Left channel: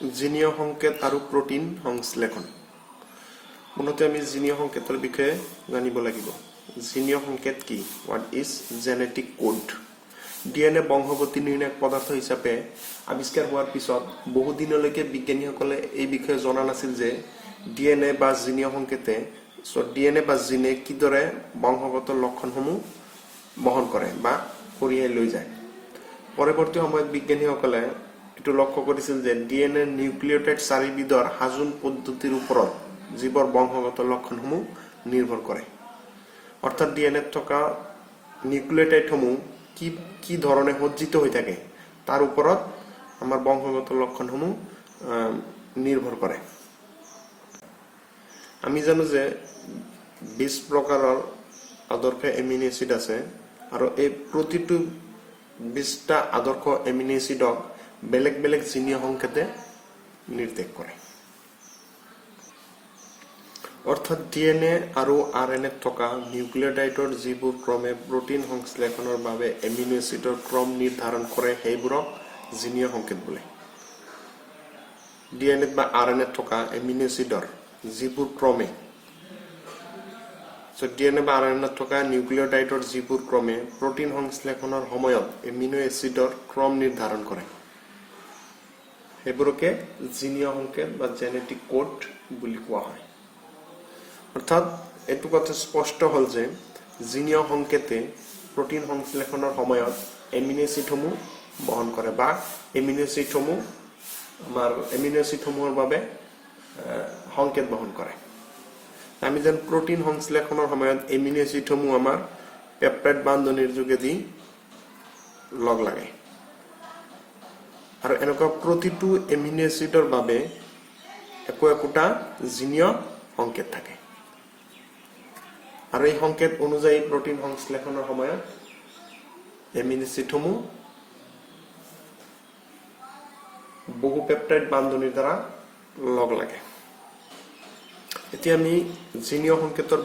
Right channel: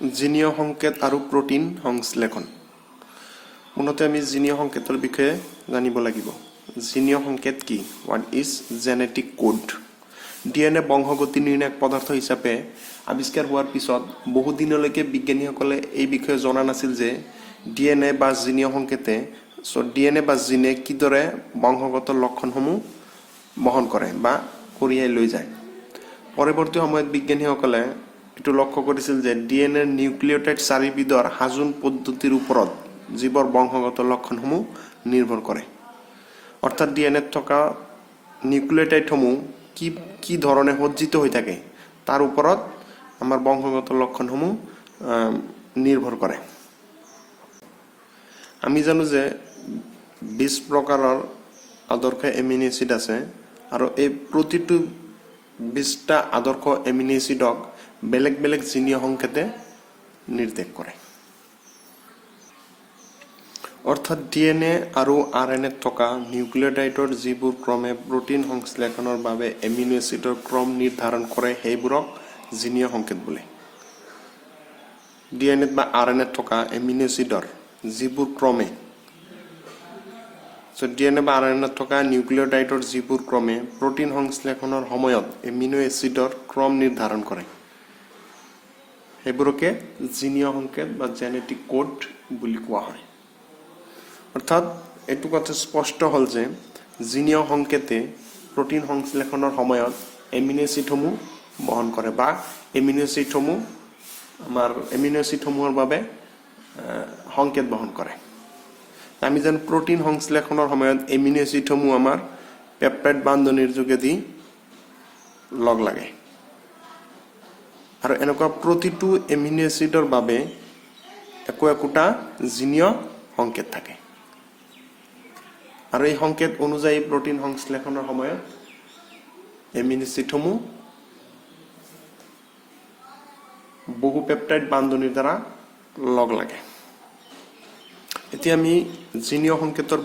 জিনীয় সংকেত আৰু প্ৰ'টিন সংশ্লেষণ মূলতে আমি জিনীয় সংকেতৰ বিষয়ে জানিব লাগিব জিনীয় সংকেত কি what is genetic code DNA বংশগতি নিৰ্ণায়ক পদাৰ্থ হিচাপে আৱিষ্কাৰ হোৱাৰ পিছত বহু দিনলৈকে বিজ্ঞানীসকলে এই বিষয়ে জনা নাছিল যে ডিএনএ বা জিনীয় সংকেতে ডিএনএ বা জিনে কিদৰে বংশগত লক্ষণসমূহ বহন কৰে বা কঢ়িয়াই লৈ যায় পৰৱৰ্তী সময়ত বিজ্ঞানীসকলে এটো লক্ষ্য কৰিছিল যে ডিএনএৰ নিউক্লিঅটাইড চাৰিবিধৰ হাজোন পদ্ধতিৰ ওপৰত জীৱৰ বংশগত লক্ষণসমূহ নিৰ্ভৰ কৰে অৰ্থাৎ ডিএনএত থকা নিউক্লিঅটাইডসমূহ কি ধৰণে সজ্জিত হৈ থাকে তাৰ ওপৰত আমাৰ বংশগত লক্ষণসমূহ নিৰ্ভৰ কৰে আমি জানো যে 20 প্ৰকাৰৰ আদৰ্শ এমিনো এচিড আছে আৰু এই প্ৰতিটো 20টা আদৰ্শ এমিনো এচিডক বেলেগ বেলেগ জিনীয় সংকেতে নিৰ্দেশ কৰে অৰ্থাৎ ডিএনএ আৰু আৰএনএ থকা নিউক্লিঅটাইডৰ যিবোৰ ক্ৰমে প্ৰ'টিন সংশ্লেষণৰ বাবে এমিনো এচিডৰ ক্ৰম নিৰ্ধাৰণ কৰে সেইবোৰক জিনীয় সংকেত বোলে ডিএনএ বা আৰএনএ থকা এমিনো এচিডৰ যিবোৰ ক্ৰমে ডিএনএ বা আৰএনএ থকা নিউক্লিঅটাইডৰ যিবোৰ ক্ৰমে প্ৰ'টিন সংশ্লেষণৰ সময়ত এমিনো এচিডৰ ক্ৰম নিৰ্ধাৰণ কৰে সেইবোৰকে জিনীয় সংকেত বা জেনেটিক কোড বুলি কোৱা হয় অৰ্থাৎ এটো কথা স্পষ্ট হল যে জিনীয় সংকেতে প্ৰ'টিন সংশ্লেষণৰ সময়ত এমিনো এচিডসমূহ বহন কৰে বা এমিনো এচিডসমূহৰ বাবে সংকেত বহন কৰে আমি যেন প্ৰ'টিন সংশ্লেষণৰ সময়ত এমিনো এচিডসমূহ আমাৰ পেপটাইড বান্ধনীৰ যোগেদি লগ লাগে আৰু এনেকুৱা প্ৰতিটো এমিনো এচিডৰ বাবে একোটা জিনীয় সংকেত থাকে আৰু এই সংকেত অনুযায়ী প্ৰ'টিন সংশ্লেষণৰ সময়ত এমিনো এচিডসমূহ বহু পেপটাইড বান্ধনীৰ দ্বাৰা লগ লাগে এতিয়া আমি জিনীয় সংকেতৰ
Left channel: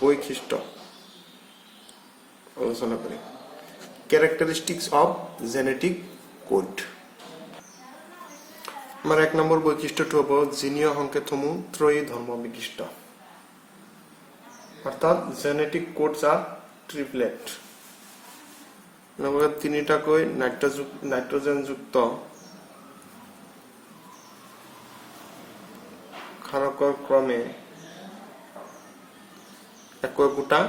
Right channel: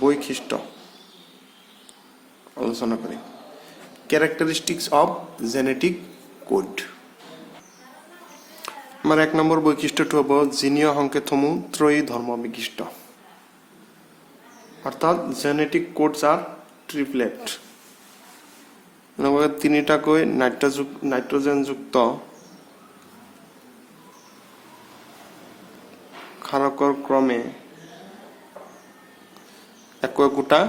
বৈশিষ্ট্য আলোচনা কৰিম characteristics of genetic code আমাৰ এক নম্বৰ বৈশিষ্ট্যটো হ'ব জিনীয় সংকেতসমূহ ত্ৰয়ী ধৰ্ম বিশিষ্ট অৰ্থাৎ জেনেটিক কোডছ আৰ ট্ৰিপলেট মানে তিনিটাকৈ নাইট্ৰজেনযুক্ত ক্ষাৰকৰ ক্ৰমে একোটা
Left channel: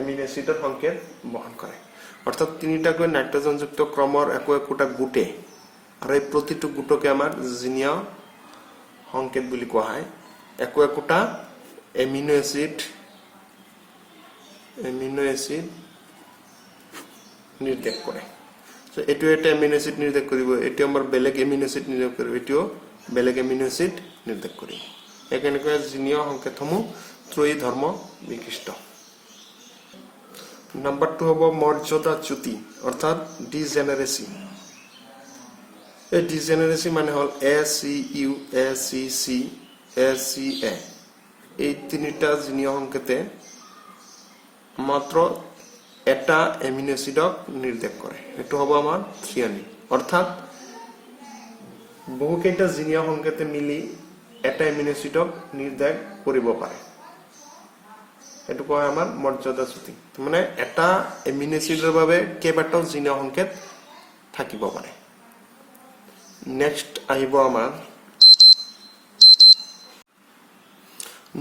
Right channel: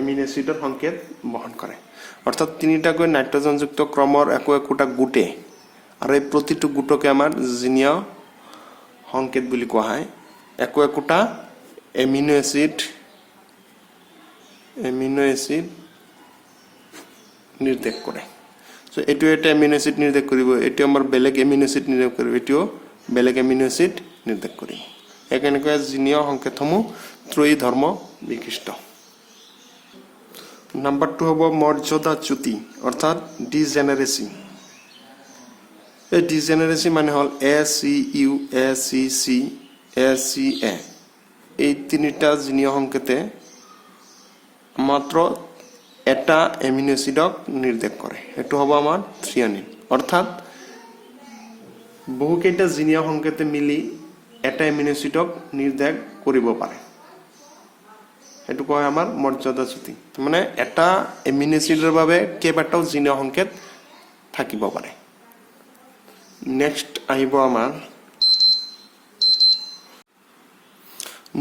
এমিনো এচিডৰ সংকেত বহন কৰে অৰ্থাৎ তিনিটাকৈ নাইট্ৰজেনযুক্ত ক্ৰমৰ একোটা গোটে আৰু এই প্ৰতিটো গোটকে আমাৰ জিনীয় সংকেত বুলি কোৱা হয় একোটা এমিনো এচিড নিৰ্দেশ কৰে সো এটো এটা এমিনো এচিড নিৰ্দেশ কৰিব এটো আমাৰ বেলেগ এমিনো এচিড নিৰ্দেশ কৰিব এটো বেলেগ এমিনো এচিড নিৰ্দেশ কৰিব একেনকৈ জিনীয় সংকেতসমূহ ত্ৰয়ী ধৰ্ম বিশিষ্ট নাম্বাৰ 2 হব মৰ্যাদাচ্যুতি অৰ্থাৎ ডিজেনাৰেসি এই ডিজেনাৰেসি মানে হল ACU ACC ACA এই তিনিটা জিনীয় সংকেতে মাত্ৰ এটা এমিনো এচিডক নিৰ্দেশ কৰে এটো হ'ব আমাৰ থ্ৰিঅনিন অৰ্থাৎ বহুকেইটা জিনীয় সংকেতে মিলি এটা এমিনো এচিডক নিৰ্দেশ কৰিব পাৰে এটো কয় আমাৰ মৰ্যাদাচ্যুতি মানে এটা এমিনো এচিডৰ বাবে কেইবাটাও জিনীয় সংকেত থাকিব পাৰে নেক্সট আহিব আমাৰ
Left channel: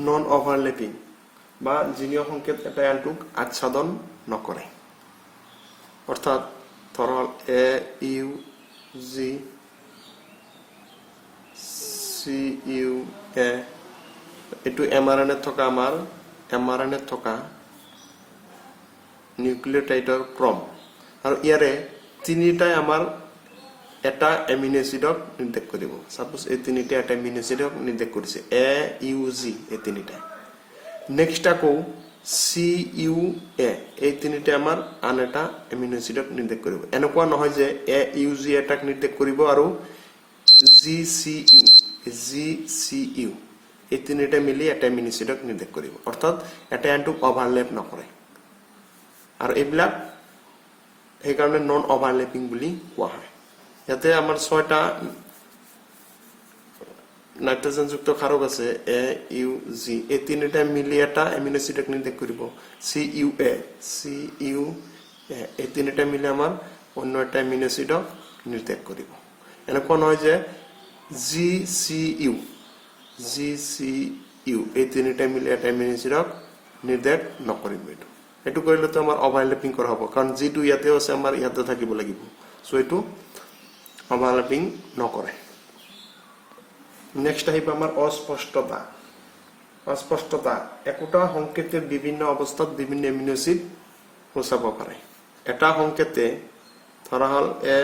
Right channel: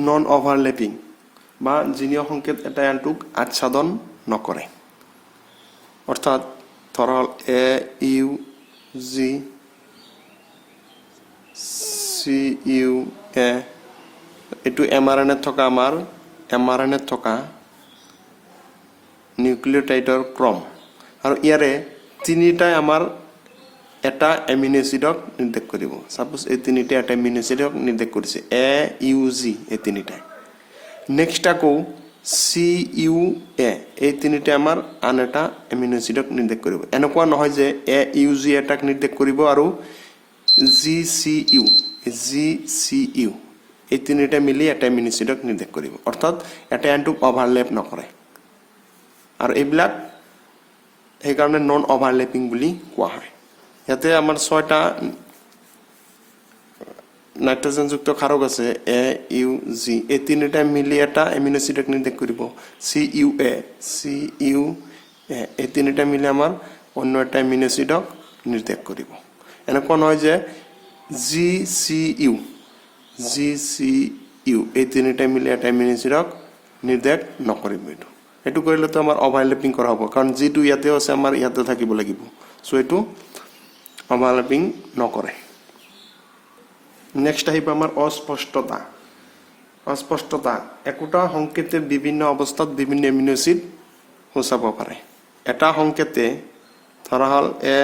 নন ওভাৰলেপিং বা জিনীয় সংকেত এটা আনটোক আচ্ছাদন নকৰে অৰ্থাৎ ধৰা AUG CUA এটো mRNA থকা আমাৰ mRNA থকা নিউক্লিঅটাইডৰ ক্ৰম আৰু ইয়াৰে তিনিটাই আমাৰ এটা এমিনো এচিডক নিৰ্দেশ কৰিব সাপোজ এই তিনিটা এটা এমিনো এচিডক নিৰ্দেশ কৰিছে AUG এই তিনিটা নেক্সট আকৌ CUA এই তিনিটা আমাৰ আন এটা এমিনো এচিডক নিৰ্দেশ কৰিব এনেকুৱা নহয় যে AUG এটাক নিৰ্দেশ কৰিব আৰু GCU এই তিনিটা মিলি এটা এমিনো এচিডক নিৰ্দেশ কৰিব অৰ্থাৎ এটা আনটোক ওভাৰল্যাপ নকৰে আৰু এইবিলাক সেইকাৰণে নন অভাৰলেপিং বুলি কোৱা হয় ইয়াতে আমাৰ 6টা নাইট্ৰজেনযুক্ত ক্ষাৰক আছে এ ইউ জি এই তিনিটা মিলি এটা এমিনো এসিডক নিৰ্দেশ কৰিব সি ইউ এ এই তিনিটা মিলি আমাৰ অন্য এটা এমিনো এসিডক নিৰ্দেশ কৰিব এনেকুৱা নহয় যে জি সি ইউ এই তিনিটা মিলি এটা এমিনো এসিডক নিৰ্দেশ নকৰিব এটো কৰিলে তো আমাৰ অভাৰলেপিং কৰা হ'ব কাৰণ যিটো ইয়াতে আছে আমাৰ ইয়াতে থাকিব লাগিব সো এটো অভাৰলেপিং নকৰে নেক্সট আহিব আমাৰ অস্পষ্টতা একোটা সংকেতে বিভিন্ন অৱস্থাত বিভিন্ন এমিনো এসিড সূচাব পাৰে এটা সংকেতে ধৰা হল এ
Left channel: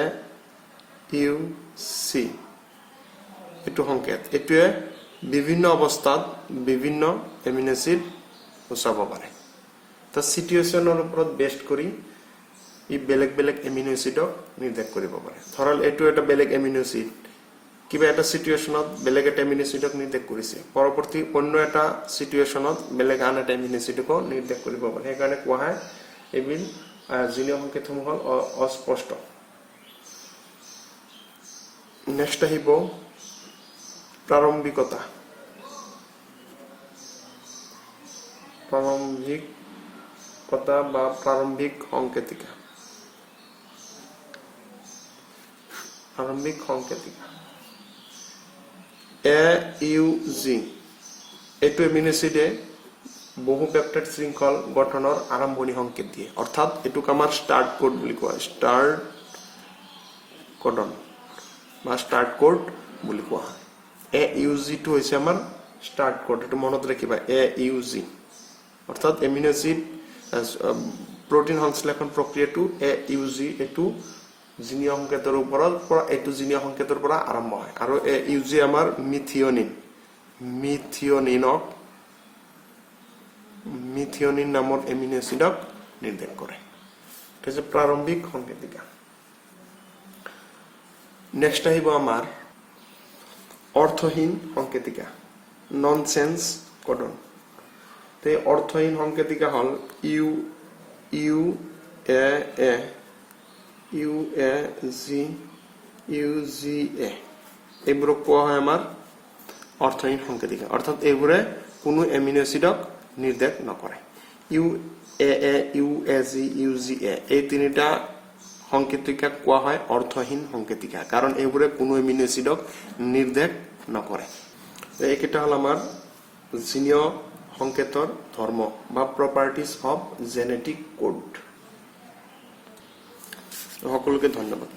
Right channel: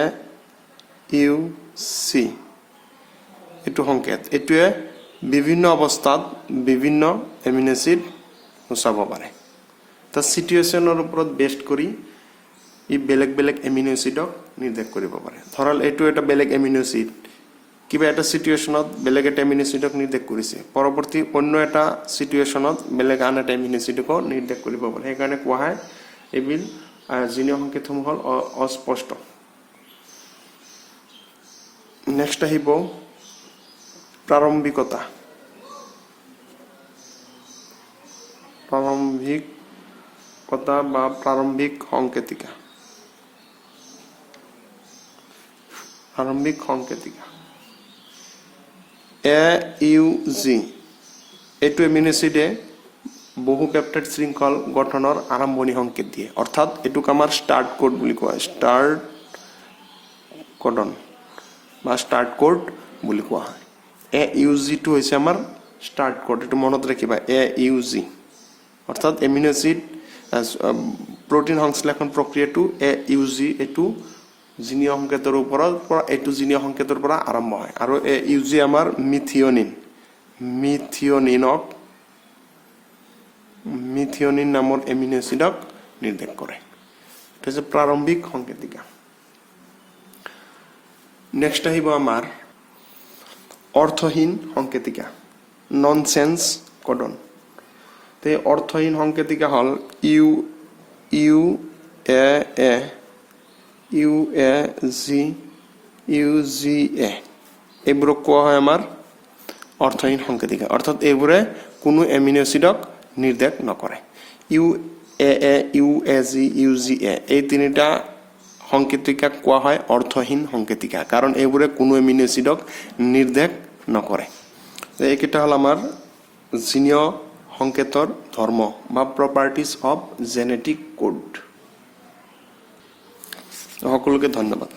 ইউ সি এটো সংকেত এটোৱে বিভিন্ন অৱস্থাত বিভিন্ন এমিনো এসিড সূচাব পাৰে তা সিচুৱেচনৰ ওপৰত বেস্ড কৰি ই বেলেগ বেলেগ এমিনো এসিডক নিৰ্দেশ কৰিব পাৰে ধৰল এটো এটা বেলেগ এমিনো এসিড কিবা এটা সিচুৱেচনত বেলেগ এটা এমিনো এসিডক নিৰ্দেশ কৰিছে পৰৱৰ্তী অন্য এটা সিচুৱেচনত বেলেগ আন এটা এমিনো এসিডক নিৰ্দেশ কৰিব পাৰে সেইকাৰণে কোৱা হয় এবিল জিনীয় সংকেতসমূহ হল অস্পষ্ট নেক্সট আহিব প্ৰাৰম্ভিকতা বা প্ৰাৰম্ভিক সংকেতিকা এ ইউ জি এটো এমিনো এসিডে বহু পেপটাইড শৃংখল গঠনৰ আৰম্ভণি সংকেত দিয়ে অৰ্থাৎ এটোক আমাৰ স্টাৰ্ট কোড বুলি কোৱা হয় স্টাৰ্ট কোডন বা স্টাৰ্ট কোড বুলি কোৱা হয় এ ইউ জি টো হৈছে আমাৰ স্টাৰ্ট কোড এটো মনত ৰাখিবা এ ইউ জি অৰ্থাৎ এমিনো এসিড প্ৰোটিন সংশ্লেষণ প্ৰক্ৰিয়াটো এ ইউ জি এটো জিনীয় সংকেতৰ ওপৰত এটো জিনীয় সংকেতৰ পৰা আৰম্ভ হয় আৰু এ ইউ জি আমাৰ মিথিয়নিন নামৰ এমিনো এসিডক নিৰ্দেশ কৰে এটো হৈছে প্ৰাৰম্ভিক সংকেতিকা নেক্সট আহিব আমাৰ অৰ্থহীন সংকেতিকা ননসেন্স কোডন তে অৰ্থহীন সংকেতিকা হল ইউ এ জি এ এইবোৰক কোৱা হয় আমাৰ অৰ্থহীন সংকেতিকা অৰ্থাৎ এইবোৰে কোনো এমিনো এসিডক নিৰ্দেশ নকৰে ইউ এ জি এ এই তিনিটা সংকেতিকা কোৱা হয় অৰ্থহীন সংকেতিকা কাৰণ এইবোৰে কোনো এমিনো এসিডক নিৰ্দেশ নকৰে এইকেইটা হল আমাৰ জিনীয় সংকেতৰ ধৰ্ম বা প্ৰপাৰ্টিজ অফ জেনেটিক কোড সকলোকে ধন্যবাদ